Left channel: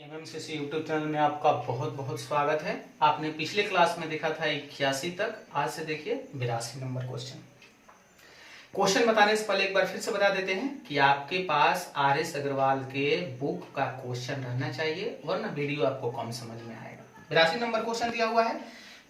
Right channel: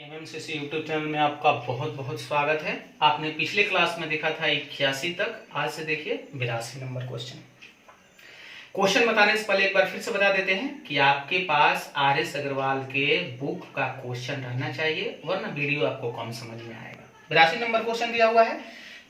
एमएमसीसी YouTube channel में आपका बहुत बहुत स्वागत है। आपने पिछले क्लास में देखा था 81 तक, आज से देखिए 82 नंबर क्वेश्चन बताने से पहले एक बार फिर से बता देते हैं कि आपके पास आर.एस. अग्रवाल के बुक का क्वेश्चन रहना चाहिए, वरना वीडियो आपको कम समझ में आएगा। 82 नंबर क्वेश्चन दिया हुआ है,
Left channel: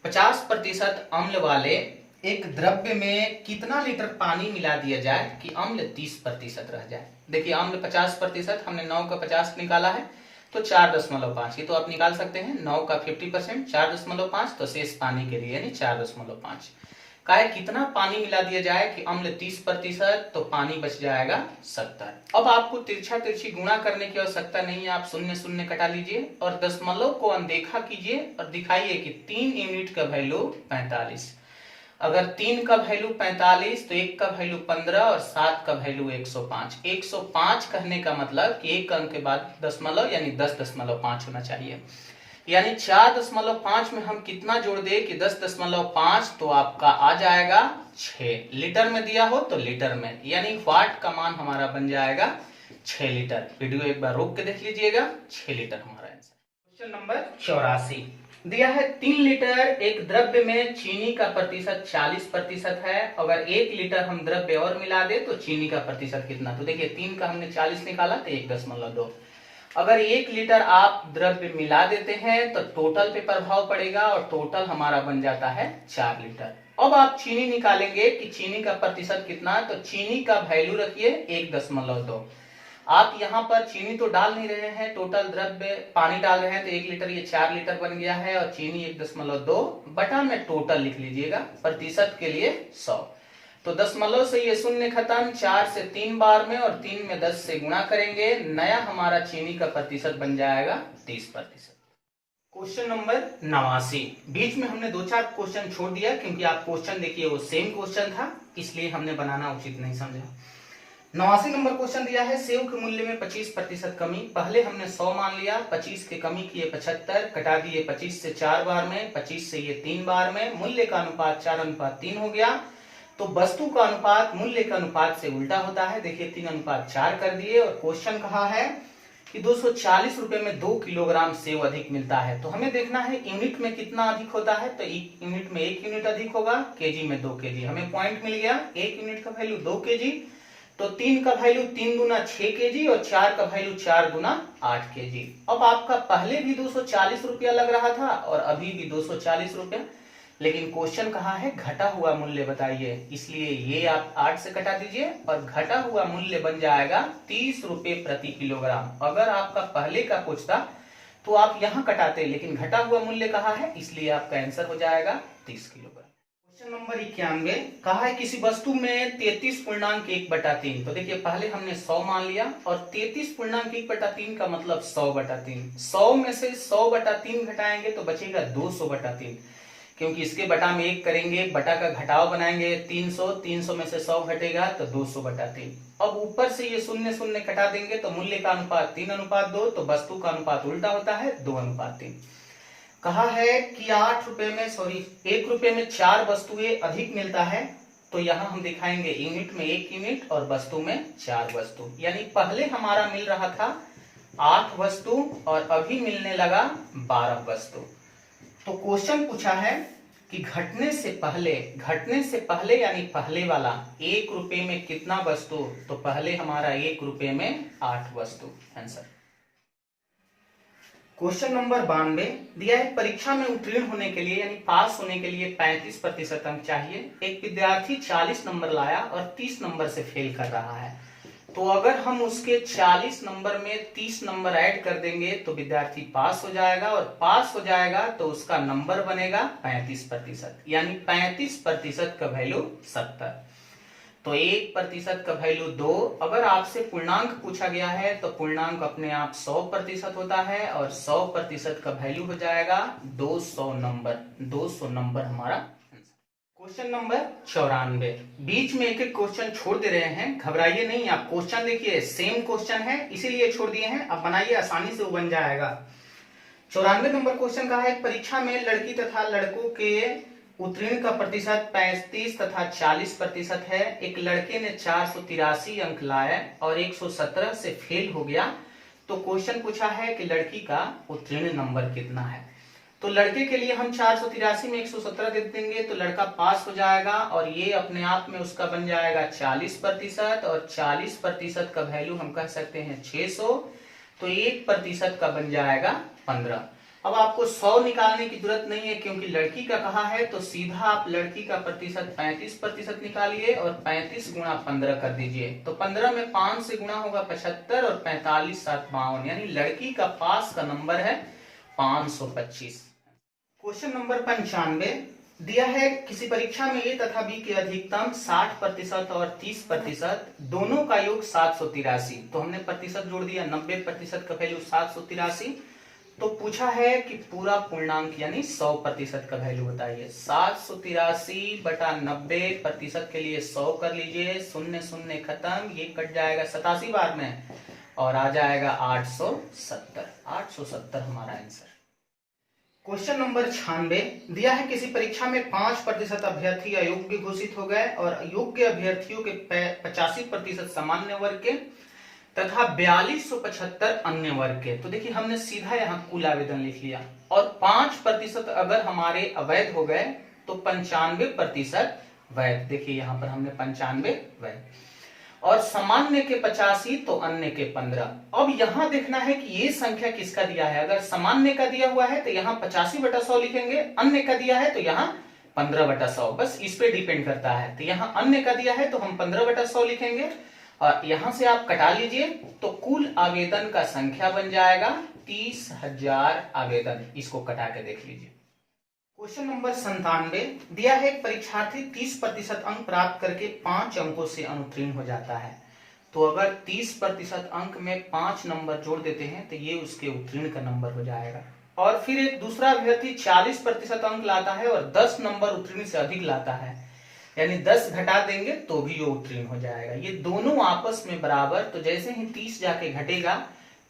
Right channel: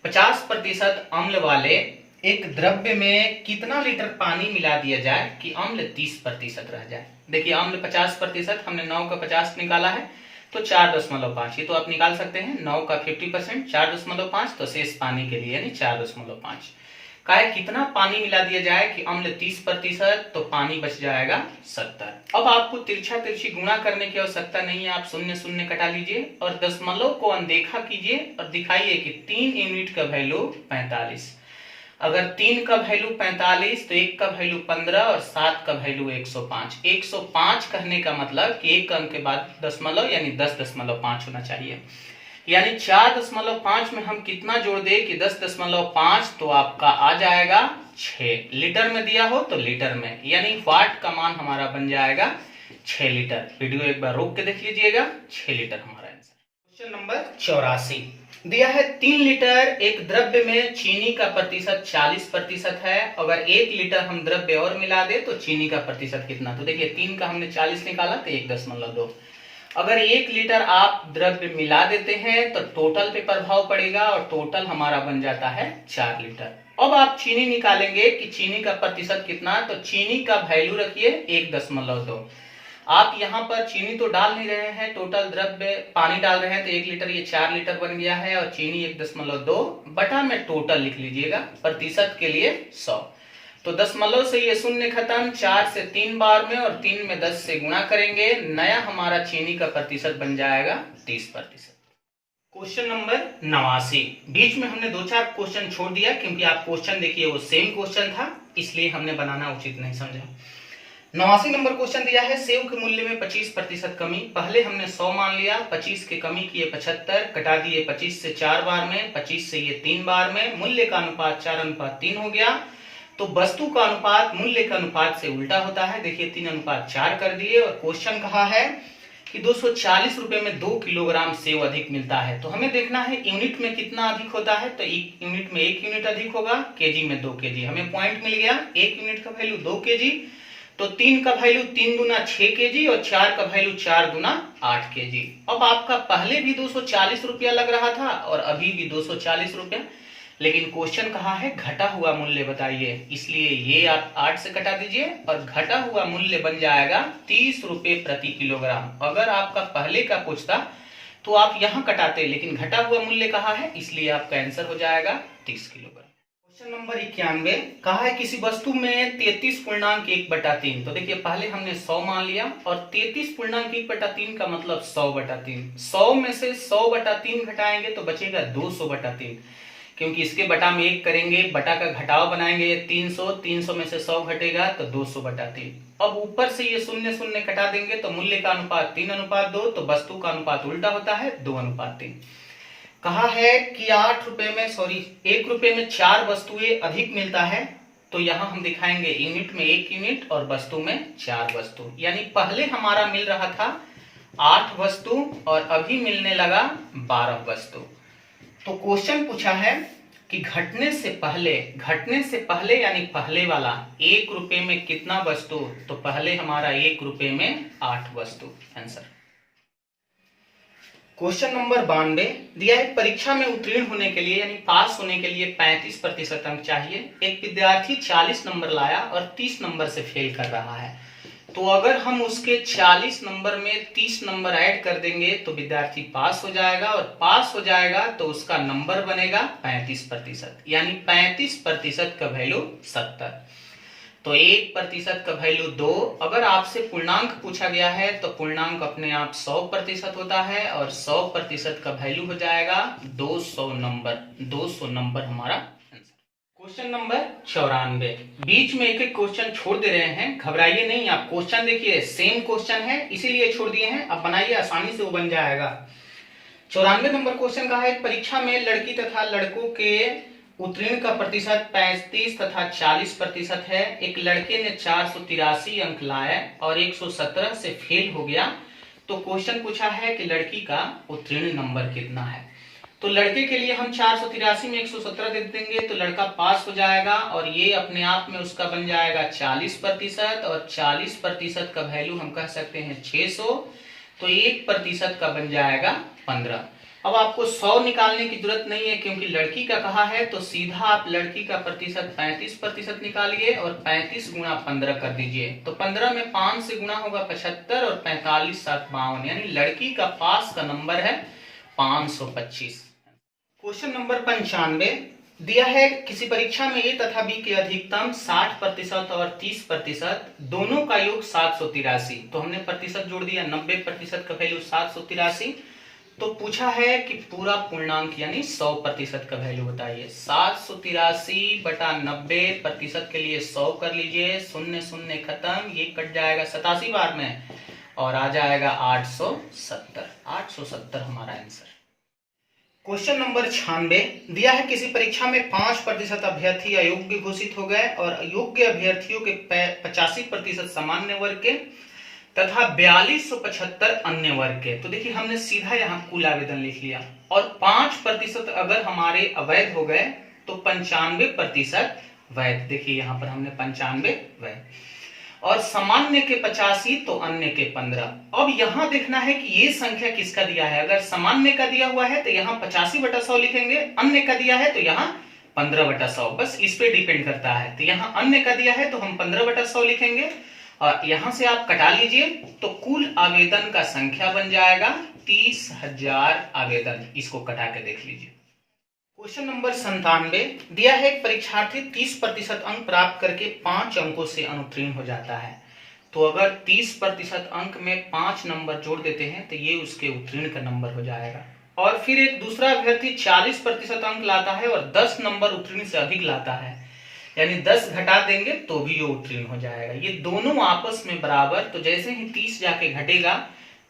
50% अम्ल वाले एक द्रव्य में कितना लीटर पानी मिला दिया जाए कि अम्ल 30% रह जाए। देखिए अम्ल 50%, हमने 9 का 50 निकाला है तो 4.5, ये तो आप निकाल सकते हैं। 9 का 50% 4.5, तो शेष पानी के लिए यानी 4.5 का है। कितना पानी मिला दिया जाए कि अम्ल 30%, तो पानी बच जाएगा 70। अब आपको तिरछा तिरछी गुणा करने की आवश्यकता नहीं है, आप शून्य शून्य कटा लीजिए और दशमलव को अनदेखा कीजिए और दिखाइए कि 3 यूनिट का वैल्यू 45। अगर 3 का वैल्यू 45 तो 1 का वैल्यू 15 और 7 का वैल्यू 105। 105 कहने का मतलब कि एक अंक के बाद दशमलव यानी 10.5 होना चाहिए। यानी 4.5 में हम कितना जोड़ दे कि 10.5, तो आपका आ जाएगा 6 लीटर में दिया हो तो लीटर में, यानी वाट का मान हमारा बन जाएगा 6 लीटर। वीडियो एक बार रोक के देख लीजिएगा, 6 लीटर हमारा आंसर। क्वेश्चन नंबर 84 दिया है, 3 लीटर एक द्रव्य में चीनी का प्रतिशत 40% है। अगर 1 लीटर हम द्रव्य और मिला दे तो चीनी का प्रतिशत कितना। तो देखिए 3 का हमने 40 निकाला तो 1.2। अगर 1 लीटर आप द्रव्य मिला देते हैं तो टोटल पे प्रभाव पड़ेगा और टोटल हमारा बन जाता है 4 लीटर। अब आप चीनी निकालेंगे कि चीनी का प्रतिशत कितना, तो चीनी का वैल्यू रखिए 1.2। आप यहाँ पर चीनी तो डाल नहीं रहे हैं, टोटल द्रव्य पानी डाल रहे हैं, तो 1 लीटर ये 4 लीटर बन गया है और चीनी 1.2 बटा में टोटल लिख लीजिएगा, प्रतिशत के लिए 100। तो दशमलव से ये शून्य खत्म, 4 से 3 बार में और 3 में 10 से गुणा करेंगे, नया हमारा चीनी का प्रतिशत बन जाएगा 30%। क्वेश्चन नंबर 89, बीच में हमने 2-4 क्वेश्चन छोड़ दिया क्योंकि आप क्वेश्चन देखिए वो सेम क्वेश्चन था, इसलिए हमने बनाना उचित नहीं समझा। 89 नंबर क्वेश्चन दिया है, सेव के मूल्य में 25% कमी। पहले हमने 100 मान लिया, 25 के कमी किए 75, कटा दिए 25 से 4 बार में, 25 से ये 3 बार में, मूल्य का अनुपात 4:3 हो गया। तो वस्तु का अनुपात मूल्य के अनुपात से उल्टा होता है। देखिए 3:4 कर दिए और क्वेश्चन कहा है कि 240 रुपए में 2 किलोग्राम सेव अधिक मिलता है। तो हमें देखना है यूनिट में कितना अधिक होता है, तो यूनिट में 1 यूनिट अधिक होगा, केजी में 2 केजी। हमें पॉइंट मिल गया, 1 यूनिट का वैल्यू 2 केजी, तो 3 का वैल्यू 3 दूना 6 केजी और 4 का वैल्यू 4 दूना 8 केजी। अब आपका पहले भी 240 रुपया लग रहा था और अभी भी 240 रुपया, लेकिन क्वेश्चन कहा है घटा हुआ मूल्य बताइए, इसलिए ये आप 8 से कटा दीजिए और घटा हुआ मूल्य बन जाएगा 30 रुपए प्रति किलोग्राम। अगर आपका पहले का पूछता तो आप यहाँ कटाते, लेकिन घटा हुआ मूल्य कहा है इसलिए आपका आंसर हो जाएगा 30 किलोग्राम। क्वेश्चन नंबर 91 कहा है, किसी वस्तु में 33.1/3। तो देखिए पहले हमने 100 मान लिया और 33.1/3 का मतलब 100/3। 100 में से 100/3 घटाएंगे तो बचेगा 200/3, क्योंकि इसके बटा में 1 करेंगे, बटा का घटाव बनाएंगे 300, 300 में से 100 घटेगा तो 200/3। अब ऊपर से ये शून्य शून्य कटा देंगे तो मूल्य का अनुपात 3:2, तो वस्तु का अनुपात उल्टा होता है 2:3। कहा है कि 1 रुपए में 4 वस्तुएं अधिक मिलता है, तो यहाँ हम दिखाएंगे यूनिट में 1 यूनिट और वस्तु में 4 वस्तु, यानी पहले हमारा मिल रहा था 8 वस्तु और अभी मिलने लगा 12 वस्तु। तो क्वेश्चन पूछा है कि घटने से पहले यानी पहले वाला 1 रुपए में कितना वस्तु, तो पहले हमारा 1 रुपए में 8 वस्तु आंसर। क्वेश्चन नंबर 92 दिया है, परीक्षा में उत्तीर्ण होने के लिए यानी पास होने के लिए 35% अंक चाहिए। एक विद्यार्थी 40 नंबर लाया और 30 नंबर से फेल कर रहा है, तो अगर हम उसके 40 नंबर में 30 नंबर ऐड कर देंगे तो विद्यार्थी पास हो जाएगा, और पास हो जाएगा तो उसका नंबर बनेगा 35%, यानी 35% का वैल्यू 70। तो 1% का वैल्यू 2। अगर आपसे पूर्णांक पूछा गया है तो पूर्णांक अपने आप 100% होता है और 100% का वैल्यू हो जाएगा 200 नंबर। 200 नंबर हमारा आंसर। क्वेश्चन नंबर 94, बीच में एक एक क्वेश्चन छोड़ दे रहे हैं, घबराइए नहीं, आप क्वेश्चन देखिए सेम क्वेश्चन है इसीलिए छोड़ दिए हैं, अब बनाइए आसानी से वो बन जाएगा। 94 नंबर क्वेश्चन का है, परीक्षा में लड़की तथा लड़कों के उत्तीर्ण का प्रतिशत 35 तथा 40% है। एक लड़के ने 483 अंक लाए और 117 से फेल हो गया, तो क्वेश्चन पूछा है कि लड़की का उत्तीर्ण नंबर कितना है। तो लड़के के लिए हम 483 में 117 दे देंगे तो लड़का पास हो जाएगा, और ये अपने आप में उसका बन जाएगा 40%, और 40% का वैल्यू हम कह सकते हैं 600, तो 1% का बन जाएगा 15। अब आपको 100 निकालने की जरूरत नहीं है क्योंकि लड़की का कहा है, तो सीधा आप लड़की का प्रतिशत 35% निकालिए और 35 गुणा 15 कर दीजिए। तो 15 में 5 से गुणा होगा 75 और 45 7 52, यानी लड़की का पास का नंबर है 525। क्वेश्चन नंबर 95 दिया है किसी परीक्षा में ए तथा बी के अधिकतम 60% और 30% दोनों का योग 783। तो हमने प्रतिशत जोड़ दिया, 90% का वैल्यू 783। तो पूछा है कि पूरा पूर्णांक यानी 100% का वैल्यू बताइए। 783 बटा 90% के लिए 100 कर लीजिए, शून्य शून्य खत्म, ये कट जाएगा 87 बार में और आ जाएगा 870 हमारा आंसर। क्वेश्चन नंबर 96 दिया है किसी परीक्षा में 5% अभ्यर्थी अयोग्य घोषित हो गए और अयोग्य अभ्यर्थियों के 85% सामान्य वर्ग के तथा 4275 अन्य वर्ग के। तो देखिए हमने सीधा यहाँ कुल आवेदन लिख लिया, और 5% अगर हमारे अवैध हो गए तो 95% वैध। देखिए यहाँ पर हमने 95 वैध, और सामान्य के 85 तो अन्य के 15। अब यहां देखना है कि ये संख्या किसका दिया है। अगर सामान्य का दिया हुआ है तो यहाँ 85/100 लिखेंगे, अन्य का दिया है तो यहाँ 15/100, बस इस पे डिपेंड करता है। तो यहाँ अन्य का दिया है तो हम 15/100 लिखेंगे, और यहां से आप कटा लीजिए तो कुल आवेदन का संख्या बन जाएगा 30,000 आवेदन। इसको कटा के देख लीजिए। क्वेश्चन नंबर 97 दिया है एक परीक्षार्थी 30% अंक प्राप्त करके 5 अंकों से अनुत्तीर्ण हो जाता है। तो अगर 30% अंक में 5 नंबर जोड़ देते हैं तो ये उसके उत्तीर्ण का नंबर हो जाएगा। और फिर एक दूसरा अभ्यर्थी 40% अंक लाता है और 10 नंबर उत्तीर्ण से अधिक लाता है, यानी 10 घटा देंगे तो भी ये उत्तीर्ण हो जाएगा। ये दोनों आपस में बराबर, तो जैसे ही 30 जाके घटेगा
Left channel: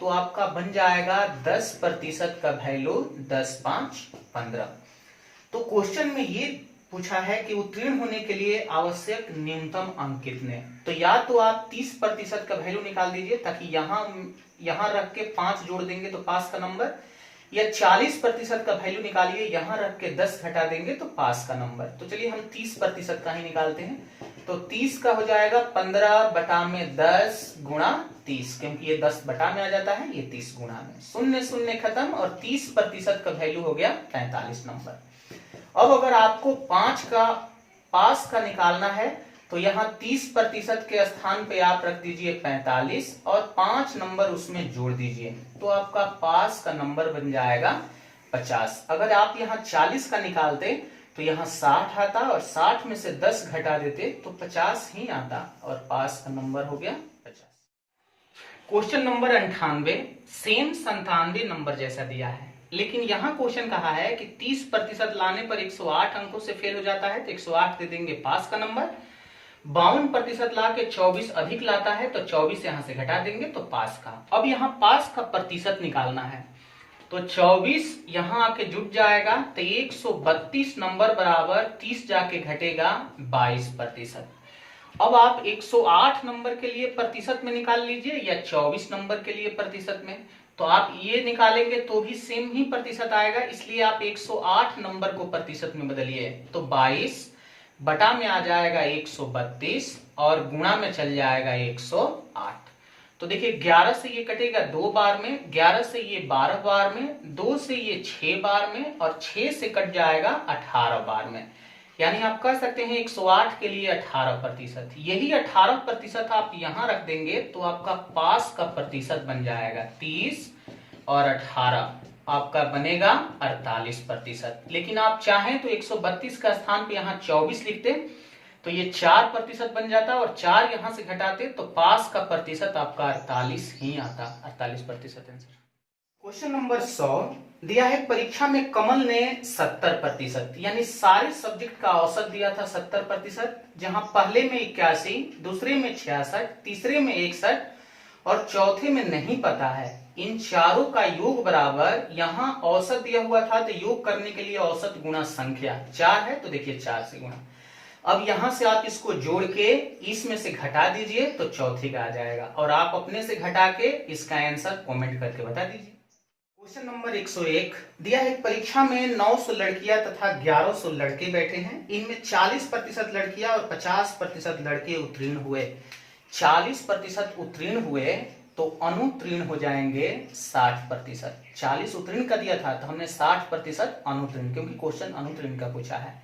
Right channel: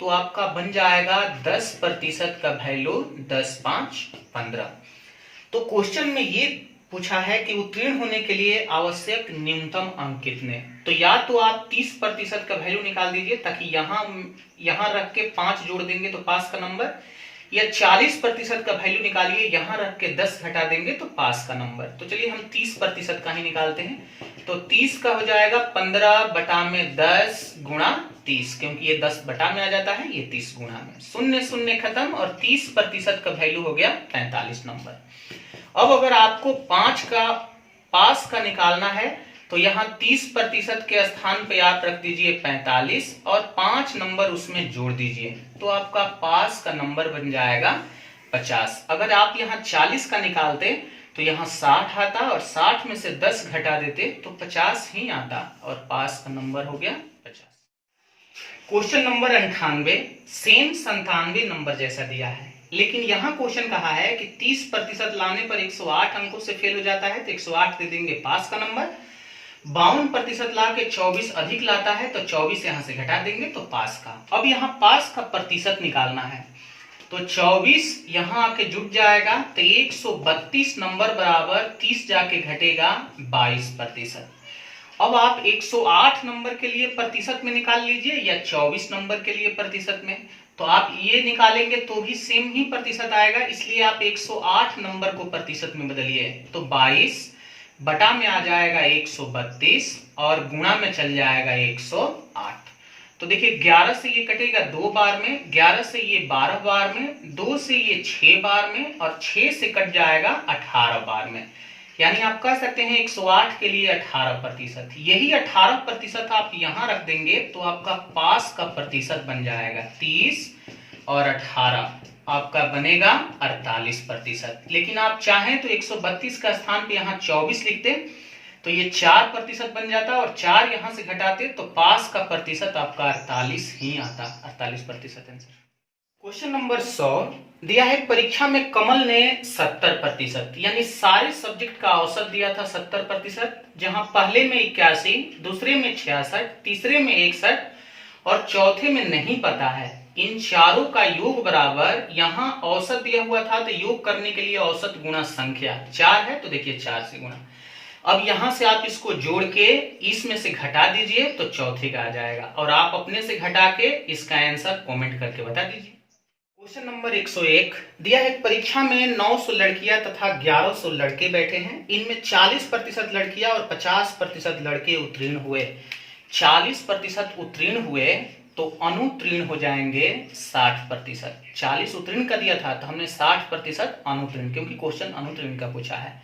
तो आपका बन जाएगा 10% का वैल्यू 10 5 15। तो क्वेश्चन में ये पूछा है कि उत्तीर्ण होने के लिए आवश्यक न्यूनतम अंक कितने। तो या तो आप 30% का वैल्यू निकाल दीजिए, ताकि यहां रख के 5 जोड़ देंगे तो पास का नंबर, या 40% का वैल्यू निकालिए, यहां रख के 10 घटा देंगे तो पास का नंबर। तो चलिए हम 30% का ही निकालते हैं। तो 30 का हो जाएगा 15 बटा में 10 गुणा 30, क्योंकि ये 10 बटा में आ जाता है, ये 30 गुणा में, शून्य शून्य खत्म, और 30% का वैल्यू हो गया 45 नंबर। अब अगर आपको 5 का पास का निकालना है तो यहाँ 30% के स्थान पे आप रख दीजिए 45 और 5 नंबर उसमें जोड़ दीजिए, तो आपका पास का नंबर बन जाएगा 50। अगर आप यहाँ 40 का निकालते तो यहाँ 60 आता, और 60 में से 10 घटा देते तो 50 ही आता, और पास का नंबर हो गया 50। क्वेश्चन नंबर 98 सेम 97 नंबर जैसा दिया है, लेकिन यहाँ क्वेश्चन कहा है कि 30% लाने पर 108 अंकों से फेल हो जाता है तो 108 दे देंगे पास का नंबर। 52% ला के 24 अधिक लाता है तो 24 यहां से घटा देंगे तो पास का। अब यहाँ पास का प्रतिशत निकालना है, तो 24 यहां आके जुट जाएगा तो 132 नंबर बराबर 30 जाके घटेगा 22%। अब आप 108 नंबर के लिए प्रतिशत में निकाल लीजिए या 24 नंबर के लिए प्रतिशत में, तो आप ये निकालेंगे तो भी सेम ही प्रतिशत आएगा, इसलिए आप 108 नंबर को प्रतिशत में बदलिए। तो 22 बटा में आ जाएगा 132 और गुणा में चल जाएगा 108। तो देखिए 11 से ये कटेगा 2 बार में, 11 से ये 12 बार में, 2 से ये 6 बार में, और 6 से कट जाएगा 18 बार में। यानी आप कह सकते हैं 108 के लिए 18%। यही 18% आप यहां रख देंगे तो आपका पास का प्रतिशत बन जाएगा 30 और 18 आपका बनेगा 48%। लेकिन आप चाहें तो 132 का स्थान पे यहाँ 24 लिखते तो ये 4% बन जाता, और 4 यहां से घटाते तो पास का प्रतिशत आपका 48 ही आता, 48% आंसर। क्वेश्चन नंबर 100 दिया है परीक्षा में कमल ने 70% यानी सारे सब्जेक्ट का औसत दिया था 70%, जहां पहले में 81, दूसरे में 66, तीसरे में 61 और चौथे में नहीं पता है। इन चारों का योग बराबर, यहां औसत दिया हुआ था तो योग करने के लिए औसत गुणा संख्या 4 है, तो देखिए 4 से गुणा। अब यहां से आप इसको जोड़ के इसमें से घटा दीजिए तो चौथे का आ जाएगा, और आप अपने से घटा के इसका आंसर कमेंट करके बता दीजिए। क्वेश्चन नंबर 101 दिया है, परीक्षा में 900 लड़कियां तथा 1100 लड़के बैठे हैं। इनमें 40% लड़कियां और 50% लड़के उत्तीर्ण हुए। 40% उत्तीर्ण हुए तो अनुत्तीर्ण हो जाएंगे 60%। 40 उत्तीर्ण का दिया था तो हमने 60% अनुत्तीर्ण, क्योंकि क्वेश्चन अनुत्तीर्ण का पूछा है।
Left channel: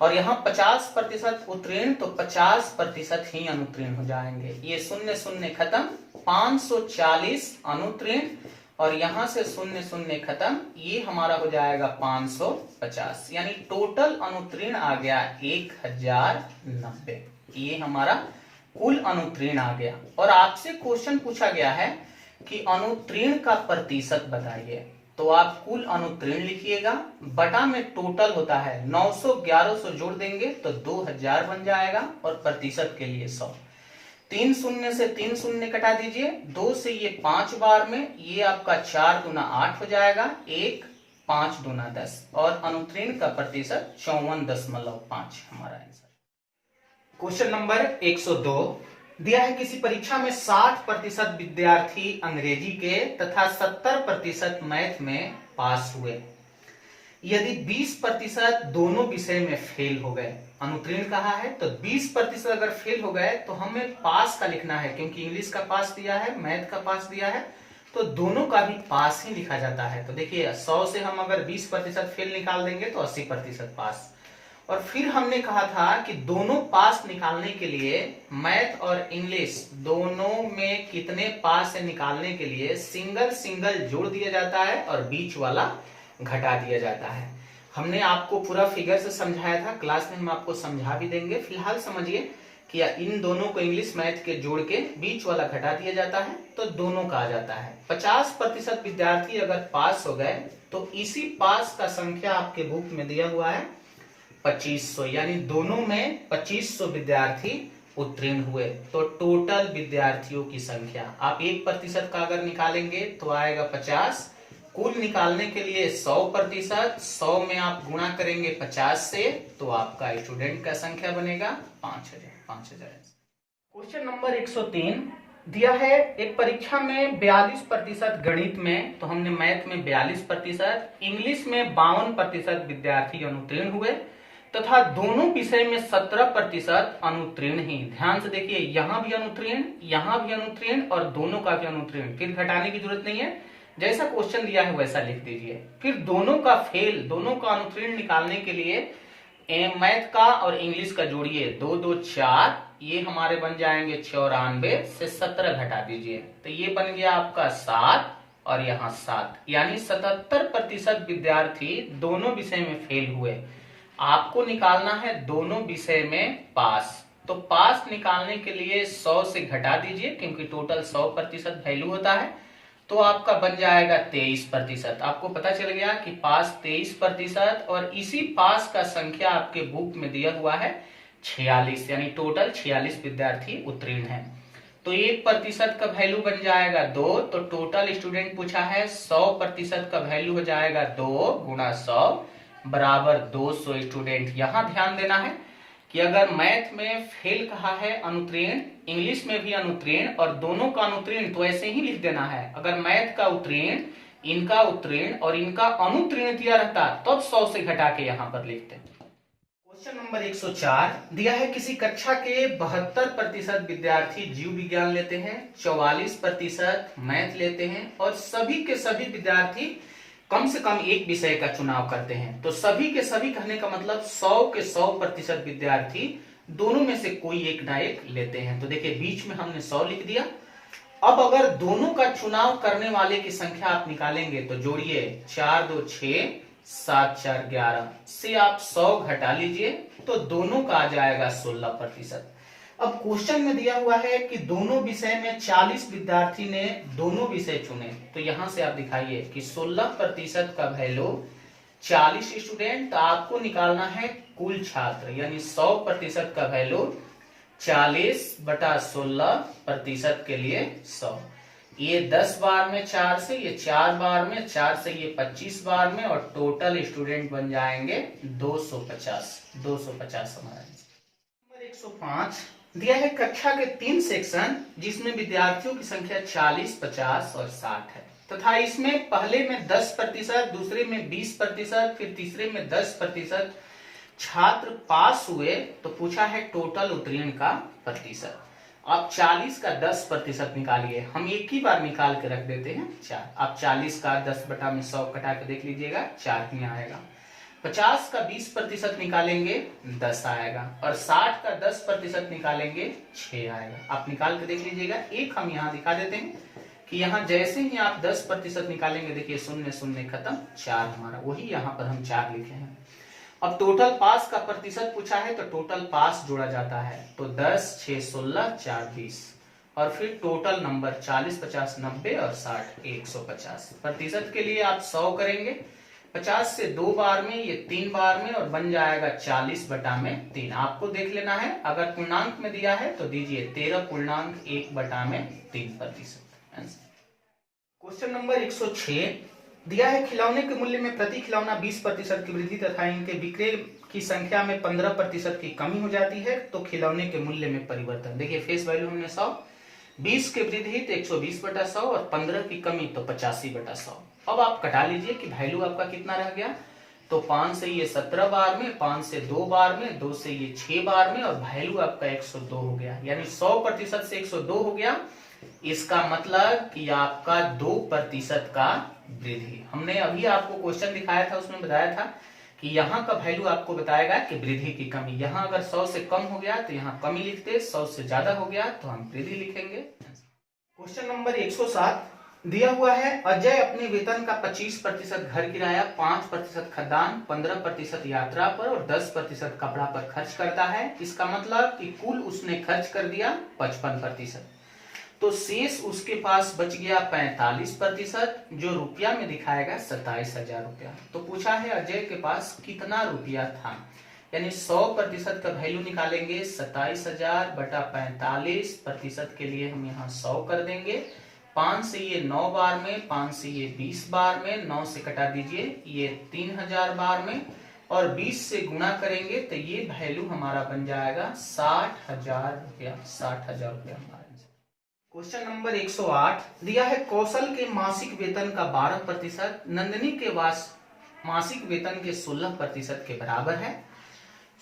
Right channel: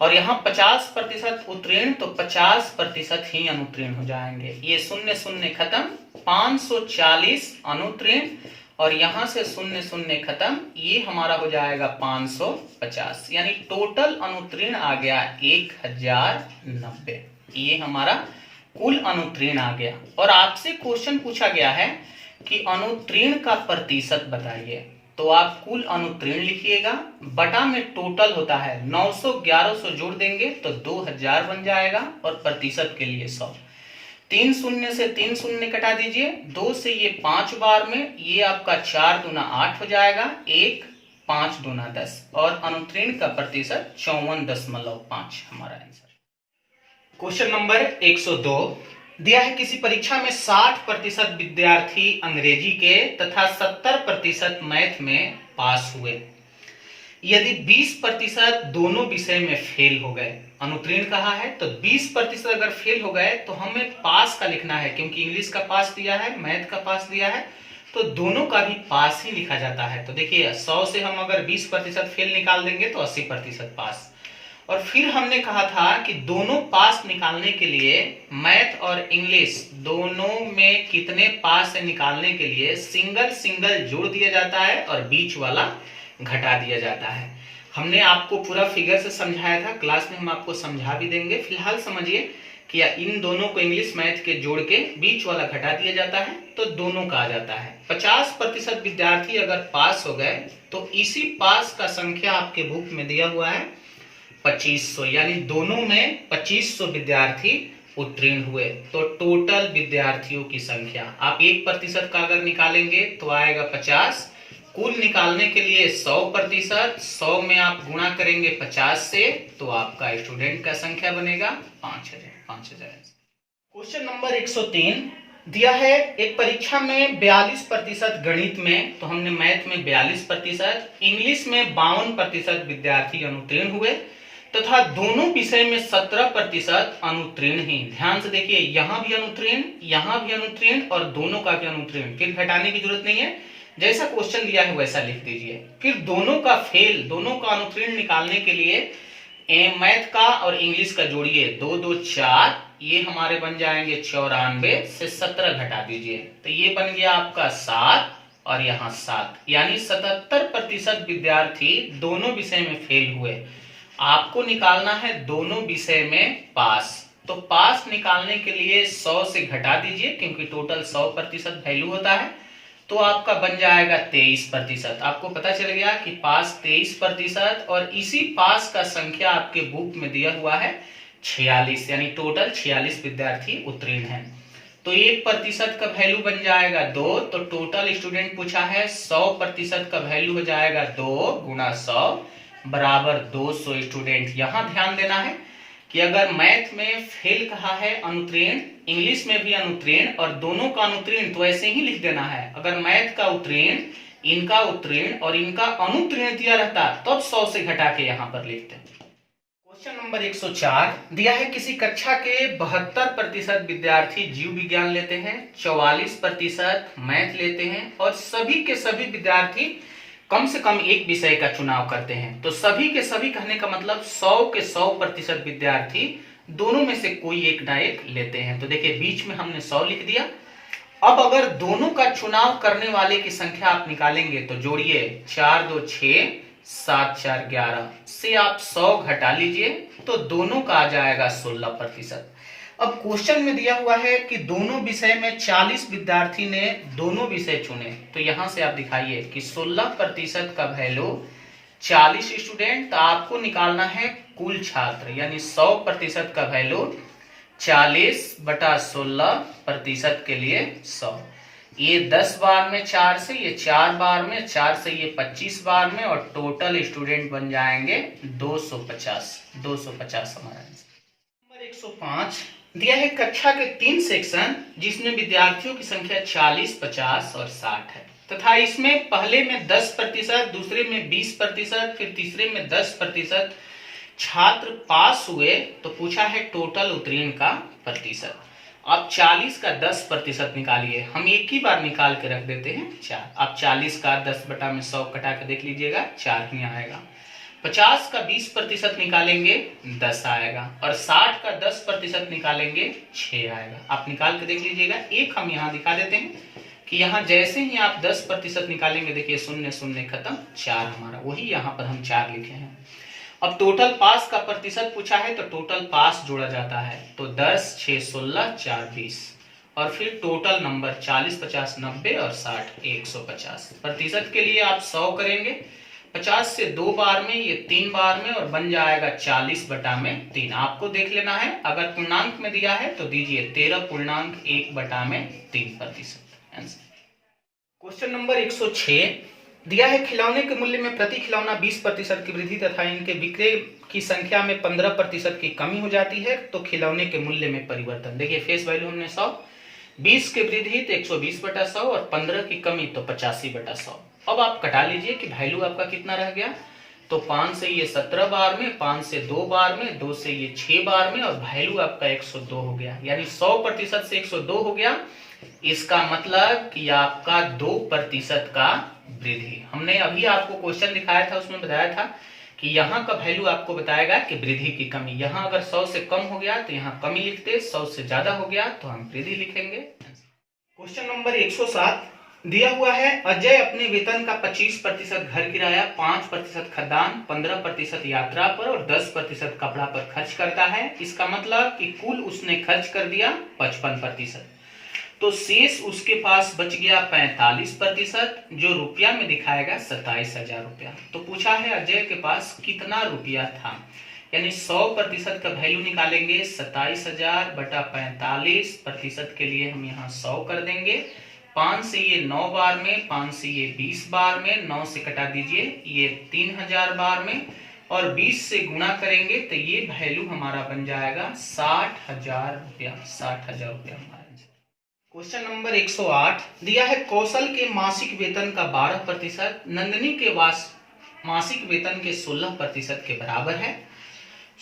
और यहाँ 50% उत्तीर्ण तो 50% ही अनुत्तीर्ण हो जाएंगे। ये शून्य शून्य खत्म, 540 अनुत्तीर्ण, और यहां से शून्य शून्य खत्म, ये हमारा हो जाएगा 550, यानी टोटल अनुत्तीर्ण आ गया 1090। ये हमारा कुल अनुत्तीर्ण आ गया। और आपसे क्वेश्चन पूछा गया है कि अनुत्तीर्ण का प्रतिशत बताइए, तो आप कुल अनुत्तीर्ण लिखिएगा, बटा में टोटल होता है 900 1100 जोड़ देंगे तो 2000 बन जाएगा, और प्रतिशत के लिए 100। 3 शून्य से 3 शून्य कटा दीजिए, 2 से ये 5 बार में, ये आपका 4 दूना 8 हो जाएगा, 1 5 दूना 10, और अनुत्तीर्ण का प्रतिशत 54.5 हमारा आंसर। क्वेश्चन नंबर 102 दिया है, किसी परीक्षा में 60% विद्यार्थी अंग्रेजी के तथा 70% मैथ में पास हुए। यदि 20% दोनों विषय में फेल हो गए, अनुत्तीर्ण कहा है, तो 20% अगर फेल हो गए तो हमें पास का लिखना है, क्योंकि इंग्लिश का पास दिया है, मैथ का पास दिया है, तो दोनों का भी पास ही लिखा जाता है। तो देखिए 100 से हम अगर 20% फेल निकाल देंगे तो 80% पास। और फिर हमने कहा था कि दोनों पास निकालने के लिए मैथ और इंग्लिश दोनों में कितने पास है निकालने के लिए सिंगल सिंगल जोड़ दिया जाता है और बीच वाला घटा दिया जाता है। हमने आपको पूरा फिगर से समझाया था, क्लास में हम आपको समझा भी देंगे। फिलहाल समझिए कि इन दोनों को इंग्लिश मैथ के जोड़ के बीच वाला घटा दिया जाता है तो दोनों का आ जाता है। 50% विद्यार्थी अगर पास हो गए तो इसी पास का संख्या आपके बुक में दिया हुआ है 2500, यानी दोनों में 2500 विद्यार्थी उत्तीर्ण हुए। तो टोटल विद्यार्थियों की संख्या आप 1% का अगर निकालेंगे तो आएगा 50। कुल निकालने के लिए 100%, 100 में आप गुणा करेंगे 50 से तो आपका स्टूडेंट का संख्या बनेगा 5000। क्वेश्चन नंबर 103 दिया है, एक परीक्षा में 42% गणित में, तो हमने मैथ में 42%, इंग्लिश में 52% विद्यार्थी अनुत्तीर्ण हुए तथा दोनों विषय में 17% अनुत्तीर्ण ही। ध्यान से देखिए, यहां भी अनुत्तीर्ण, यहां भी अनुत्तीर्ण, और दोनों का भी अनुत्तीर्ण। फिर घटाने की जरूरत नहीं है, जैसा क्वेश्चन दिया है वैसा लिख दीजिए। फिर दोनों का फेल, दोनों का अनुत्तीर्ण निकालने के लिए मैथ का और इंग्लिश का जोड़िए, 2 2 4, ये हमारे बन जाएंगे 94 से 17 घटा दीजिए तो ये बन गया आपका 7, और यहाँ 7, यानी 77% विद्यार्थी दोनों विषय में फेल हुए। आपको निकालना है दोनों विषय में पास, तो पास निकालने के लिए 100 से घटा दीजिए, क्योंकि टोटल 100% वैल्यू होता है, तो आपका बन जाएगा 23%। आपको पता चल गया कि पास 23%, और इसी पास का संख्या आपके बुक में दिया हुआ है 46, यानी टोटल 46 विद्यार्थी उत्तीर्ण हैं। तो 1% का वैल्यू बन जाएगा 2, तो टोटल स्टूडेंट पूछा है 100% का वैल्यू हो जाएगा 2 गुणा 100 बराबर 200 स्टूडेंट। यहां ध्यान देना है कि अगर मैथ में फेल कहा है अनुत्तीर्ण, इंग्लिश में भी अनुत्तीर्ण, और दोनों का अनुत्तीर्ण, तो ऐसे ही लिख देना है। अगर मैथ का उत्तीर्ण, इनका उत्तीर्ण और इनका अनुत्तीर्ण दिया रहता तब 100 से घटा के यहां पर लिखते। क्वेश्चन नंबर 104 दिया है, किसी कक्षा के 72% विद्यार्थी जीव विज्ञान लेते हैं, 44% मैथ लेते हैं, और सभी के सभी विद्यार्थी कम से कम एक विषय का चुनाव करते हैं। तो सभी के सभी कहने का मतलब 100 के 100% विद्यार्थी दोनों में से कोई एक ना एक लेते हैं। तो देखिए बीच में हमने 100 लिख दिया। अब अगर दोनों का चुनाव करने वाले की संख्या आप निकालेंगे तो जोड़िए, 4 2 6, 7 4 11 से आप 100 घटा लीजिए तो दोनों का आ जाएगा 16%। अब क्वेश्चन में दिया हुआ है कि दोनों विषय में 40 विद्यार्थी ने दोनों विषय चुने, तो यहां से आप दिखाइए कि 16% का वैल्यू 40 स्टूडेंट, तो आपको निकालना है कुल छात्र, यानी 100% का वैल्यू 40/16% के लिए 100। ये 10 बार में 4 से, ये 4 बार में, 4 से ये 25 बार में, और टोटल स्टूडेंट बन जाएंगे 250 हमारा। 105 दिया है कक्षा के 3 सेक्शन जिसमें विद्यार्थियों की संख्या 40, 50 और 60 है तथा इसमें पहले में 10%, दूसरे में 20%, फिर तीसरे में 10% छात्र पास हुए। तो पूछा है टोटल उत्तीर्ण का प्रतिशत। अब 40 का 10% निकालिए, हम एक ही बार निकाल के रख देते हैं 4। अब 40 का 10/100 कटा के देख लीजिएगा 4 ही आएगा। 50 का 20% निकालेंगे 10 आएगा और 60 का 10% निकालेंगे 6 आएगा। आप निकाल के देख लीजिएगा। एक हम यहाँ दिखा देते हैं कि यहाँ जैसे ही आप 10% निकालेंगे, देखिए 0 0 खत्म, 4 हमारा, वही यहाँ पर हम 4 लिखे हैं। अब टोटल पास का प्रतिशत पूछा है तो टोटल पास जोड़ा जाता है, तो 10, 6, 16, 4, 20 और फिर टोटल नंबर 40, 50, 90 और 60, 150। प्रतिशत के लिए आप 100 करेंगे, 50 से 2 बार में, ये 3 बार में और बन जाएगा 40/3। आपको देख लेना है, अगर पूर्णांक में दिया है तो दीजिए 13.1/3%। क्वेश्चन नंबर 106 दिया है खिलौने के मूल्य में प्रति खिलौना 20% की वृद्धि तथा इनके विक्रय की संख्या में 15% की कमी हो जाती है, तो खिलौने के मूल्य में परिवर्तन। देखिए फेस वैल्यू हमने 100, 20 की वृद्धि तो 120/100 और 15 की कमी तो 85/100। अब आप कटा लीजिए कि वैल्यू आपका कितना रह गया। तो 5 से ये 17 बार में, 5 से 2 बार में, 2 से ये 6 बार में और वैल्यू आपका 102 हो गया, यानी 100% से 102 हो गया। इसका मतलब कि आपका 2% का वृद्धि। हमने अभी आपको क्वेश्चन दिखाया था, उसमें बताया था कि यहाँ का वैल्यू आपको बताएगा कि वृद्धि की कमी। यहाँ अगर 100 से कम हो गया तो यहाँ कमी लिखते, 100 से ज्यादा हो गया तो हम वृद्धि लिखेंगे। क्वेश्चन नंबर 107 दिया हुआ है अजय अपने वेतन का 25% घर किराया, 5% खाद्यान्न, 15% यात्रा पर और 10% कपड़ा पर खर्च करता है। इसका मतलब कि कुल उसने खर्च कर दिया 55%, तो शेष उसके पास बच गया 45%, जो रुपया में दिखाएगा 27,000 रुपया। तो पूछा है अजय के पास कितना रुपया था, यानी 100% का वैल्यू निकालेंगे 27,000/45%। के लिए हम यहाँ 100 कर देंगे। 5 से ये 9 बार में, 5 से ये 20 बार में, 9 से कटा दीजिए ये 3000 बार में और 20 से गुणा करेंगे तो ये वैल्यू हमारा बन जाएगा 60,000 रुपया। 60,000 रुपया हमारा। क्वेश्चन नंबर 108 दिया है कौशल के मासिक वेतन का 12% नंदिनी के मासिक वेतन के 16% के बराबर है।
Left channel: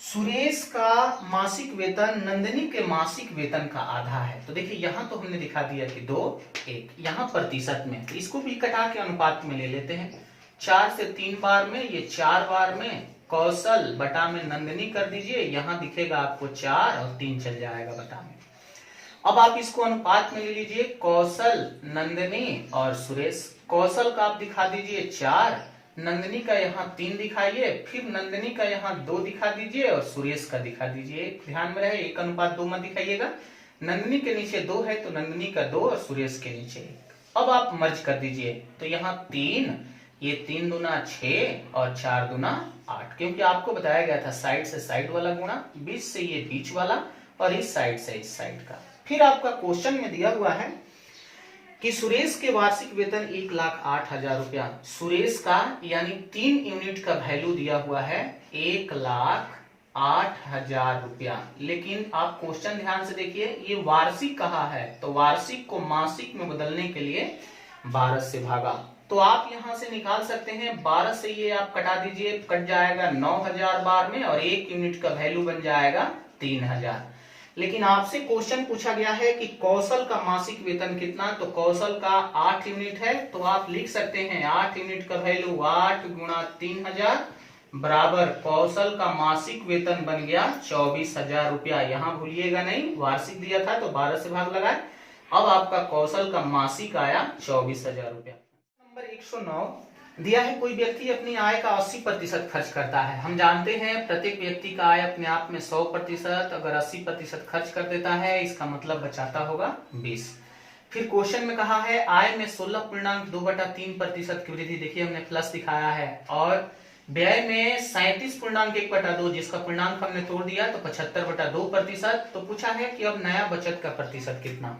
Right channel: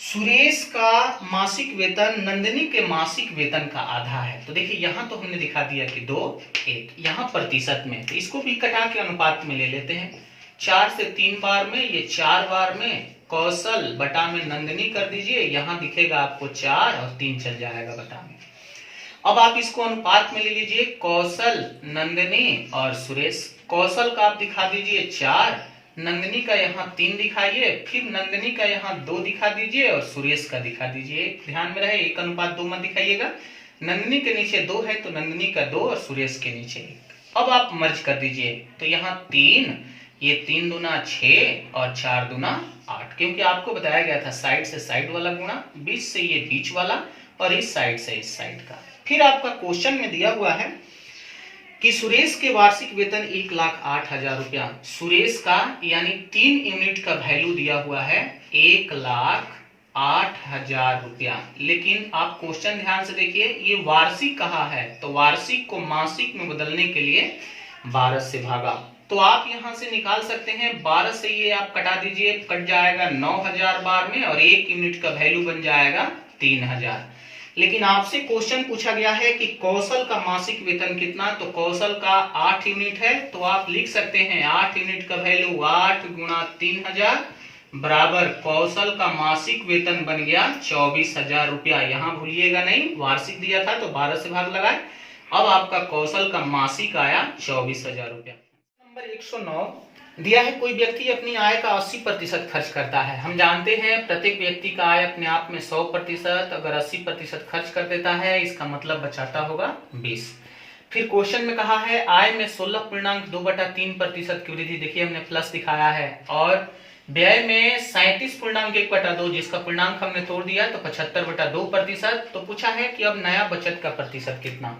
सुरेश का मासिक वेतन नंदिनी के मासिक वेतन का आधा है। तो देखिए यहाँ तो हमने दिखा दिया कि 2, 1, यहाँ प्रतिशत में, तो इसको भी कटा के अनुपात में ले लेते हैं। 4 से 3 बार में, ये 4 बार में, कौशल बटा में नंदिनी कर दीजिए, यहाँ दिखेगा आपको 4 और 3 चल जाएगा बटा में। अब आप इसको अनुपात में ले लीजिए, कौशल, नंदिनी और सुरेश। कौशल का आप दिखा दीजिए 4, नंदिनी का यहाँ 3 दिखाइए, फिर नंदिनी का यहाँ 2 दिखा दीजिए और सुरेश का दिखा दीजिए। ध्यान में रहे 1:2 मत दिखाइएगा। नंदिनी के नीचे 2 है तो नंदिनी का 2 और सुरेश के नीचे 1। अब आप मर्ज कर दीजिए, तो यहाँ 3, ये 3 दूना 6 और 4 दूना 8, क्योंकि आपको बताया गया था साइड से साइड वाला गुणा, 20 से ये बीच वाला और इस साइड से इस साइड का। फिर आपका क्वेश्चन में दिया हुआ है कि सुरेश के वार्षिक वेतन 1,08,000 रुपया। सुरेश का यानी 3 यूनिट का वैल्यू दिया हुआ है 1,08,000 रुपया, लेकिन आप क्वेश्चन ध्यान से देखिए, ये वार्षिक कहा है तो वार्षिक को मासिक में बदलने के लिए 12 से भागा, तो आप यहां से निकाल सकते हैं 12 से ये आप कटा दीजिए, कट जाएगा 9,000 बार में और 1 यूनिट का वैल्यू बन जाएगा 3,000। लेकिन आपसे क्वेश्चन पूछा गया है कि कौशल का मासिक वेतन कितना, तो कौशल का 8 यूनिट है, तो आप लिख सकते हैं 8 यूनिट का वैल्यू 8 गुणा 3,000 बराबर कौशल का मासिक वेतन बन गया 24,000 रुपया। यहाँ भूलिएगा नहीं, वार्षिक दिया था तो 12 से भाग लगाए। अब आपका कौशल का मासिक आया 24,000 रुपया। नंबर 109 दिया है कोई व्यक्ति अपनी आय का 80% खर्च करता है। हम जानते हैं प्रत्येक व्यक्ति का आय अपने आप में 100%, अगर 80% खर्च कर देता है इसका मतलब बचाता होगा 20। फिर क्वेश्चन में कहा है आय में 16.2/3% की वृद्धि, देखिए हमने प्लस दिखाया है, और व्यय में 37.1/2 जिसका पूर्णांक हमने तोड़ दिया तो 75/2%। तो पूछा है कि अब नया बचत का प्रतिशत कितना।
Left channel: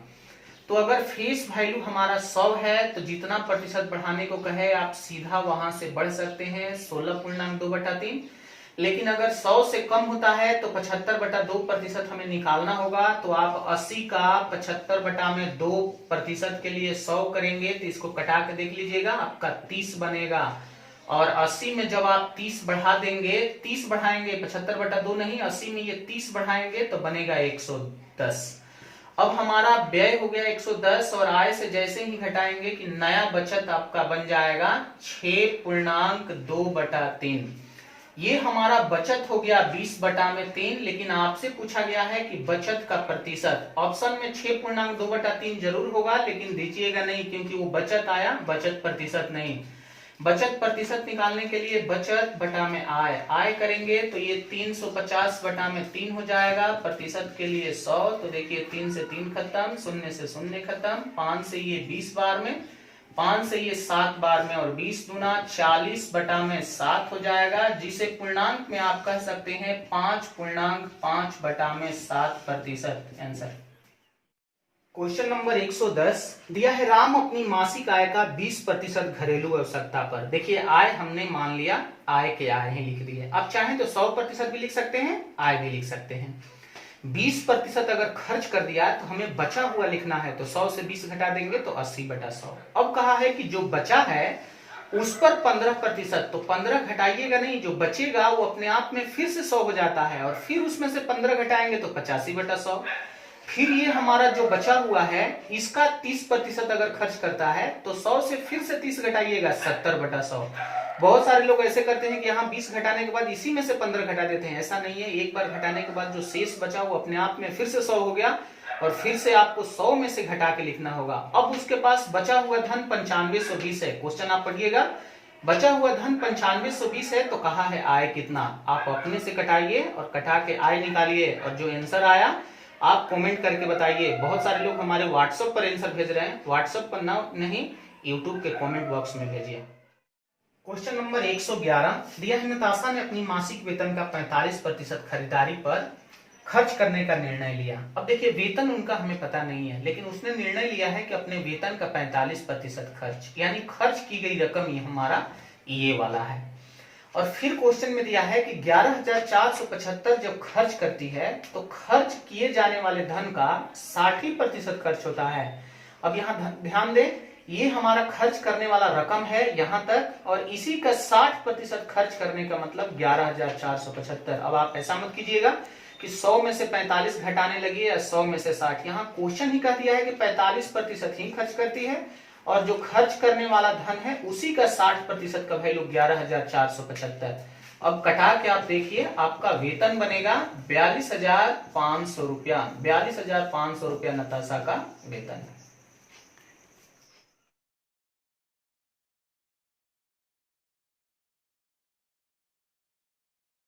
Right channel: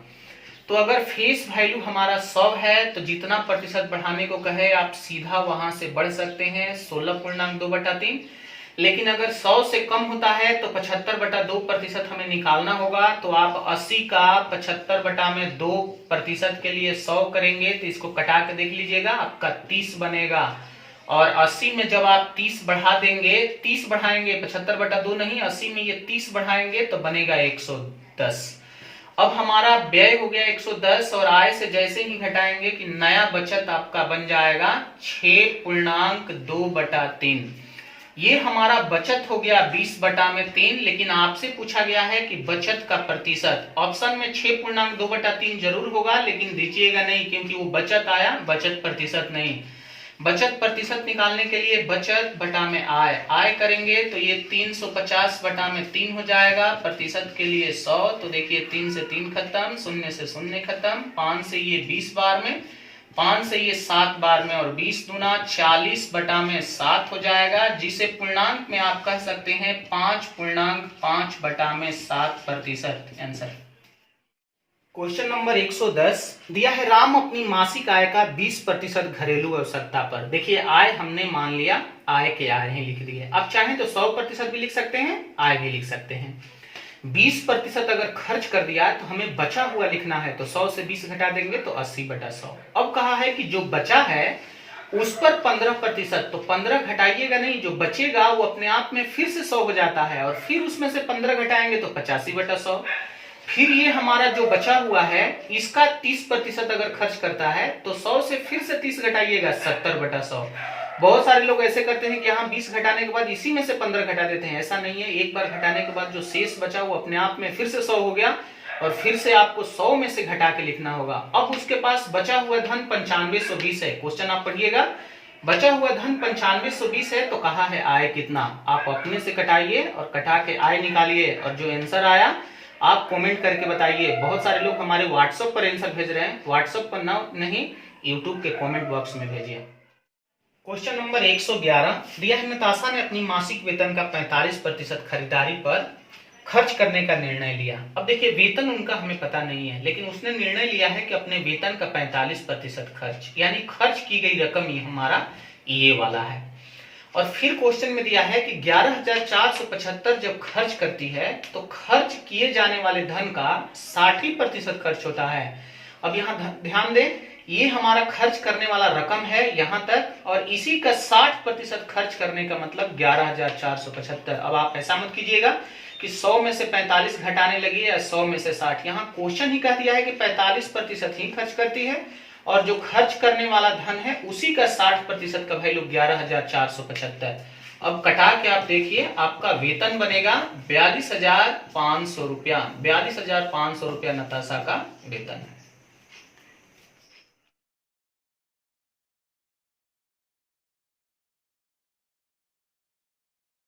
तो अगर फेस वैल्यू हमारा 100 है तो जितना प्रतिशत बढ़ाने को कहे आप सीधा वहां से बढ़ सकते हैं 16.2/3। लेकिन अगर 100 से कम होता है तो 75/2% हमें निकालना होगा। तो आप 80 का 75/2% के लिए 100 करेंगे तो इसको कटा के देख लीजिएगा, आपका 30 बनेगा। और 80 में जब आप 30 बढ़ा देंगे, 30 बढ़ाएंगे, 75/2 नहीं, 80 में ये 30 बढ़ाएंगे तो बनेगा 110। अब हमारा व्यय हो गया 110 और आय से जैसे ही घटाएंगे कि नया बचत आपका बन जाएगा 6.2/3। ये हमारा बचत हो गया 20/3। लेकिन आपसे पूछा गया है कि बचत का प्रतिशत। ऑप्शन में 6.2/3 जरूर होगा, लेकिन दीजिएगा नहीं क्योंकि वो बचत आया, बचत प्रतिशत नहीं। बचत प्रतिशत निकालने के लिए बचत बटा में आय करेंगे तो ये 350/3 हो जाएगा। प्रतिशत के लिए 100, तो देखिए 3 से 3 खत्म, 0 से 0 खत्म, 5 से ये 20 बार में, 5 से ये 7 बार में, और 20 दूना 40/7 हो जाएगा, जिसे पूर्णांक में आप कह सकते हैं 5.5/7% आंसर। क्वेश्चन नंबर 110 दिया है, राम अपनी मासिक आय का 20% घरेलू आवश्यकता पर। देखिए आय हमने मान लिया, आय के आय हैं लिख दिए। आप चाहें तो 100% भी लिख सकते हैं, आय भी लिख सकते हैं। 20% अगर खर्च कर दिया तो हमें बचा हुआ लिखना है, तो 100 से 20 घटा देंगे तो 80/100। अब कहा है कि जो बचा है उस पर 15%, तो 15 घटाइएगा नहीं, जो बचेगा वो अपने आप में फिर से 100 हो जाता है, और फिर उसमें से 15 घटाएंगे तो 85/100। फिर ये हमारा जो बचा हुआ है इसका 30% अगर खर्च करता है तो 100 से फिर से 30 घटाइएगा, 70/100। बहुत सारे लोग ऐसे करते हैं कि यहाँ 20 घटाने के बाद इसी में से 15 घटा देते हैं, ऐसा नहीं है। एक बार घटाने के बाद जो शेष बचा वो अपने आप में फिर से 100 हो गया, और फिर से आपको 100 में से घटा के लिखना होगा। अब उसके पास बचा हुआ धन 9520 है। क्वेश्चन आप पढ़िएगा, बचा हुआ धन 9520 है, तो कहा है आय कितना। आप अपने से कटाइए और कटा के आय निकालिए, और जो आंसर आया आप कमेंट करके बताइए। बहुत सारे लोग हमारे व्हाट्सएप पर आंसर भेज रहे हैं, व्हाट्सएप पर ना नहीं, यूट्यूब के कमेंट बॉक्स में भेजिए। क्वेश्चन नंबर 111 दिया है, नताशा ने अपनी मासिक वेतन का 45% खरीदारी पर खर्च करने का निर्णय लिया। अब देखिए वेतन उनका हमें पता नहीं है, लेकिन उसने निर्णय लिया है कि अपने वेतन का 45% खर्च, यानी खर्च की गई रकम ये हमारा ये वाला है। और फिर क्वेश्चन में दिया है कि 11,475 जब खर्च करती है तो खर्च किए जाने वाले धन का 60% खर्च होता है। अब यहाँ ध्यान दें, ये हमारा खर्च करने वाला रकम है यहां तक, और इसी का 60% खर्च करने का मतलब 11,475। अब आप ऐसा मत कीजिएगा कि 100 में से 45 घटाने लगी या 100 में से 60। यहाँ क्वेश्चन ही कह दिया है कि 45% ही खर्च करती है, और जो खर्च करने वाला धन है उसी का 60% का वैल्यू 11,475। अब कटा के आप देखिए, आपका वेतन बनेगा 42,500 रुपया। 42,500 रुपया नताशा का वेतन है।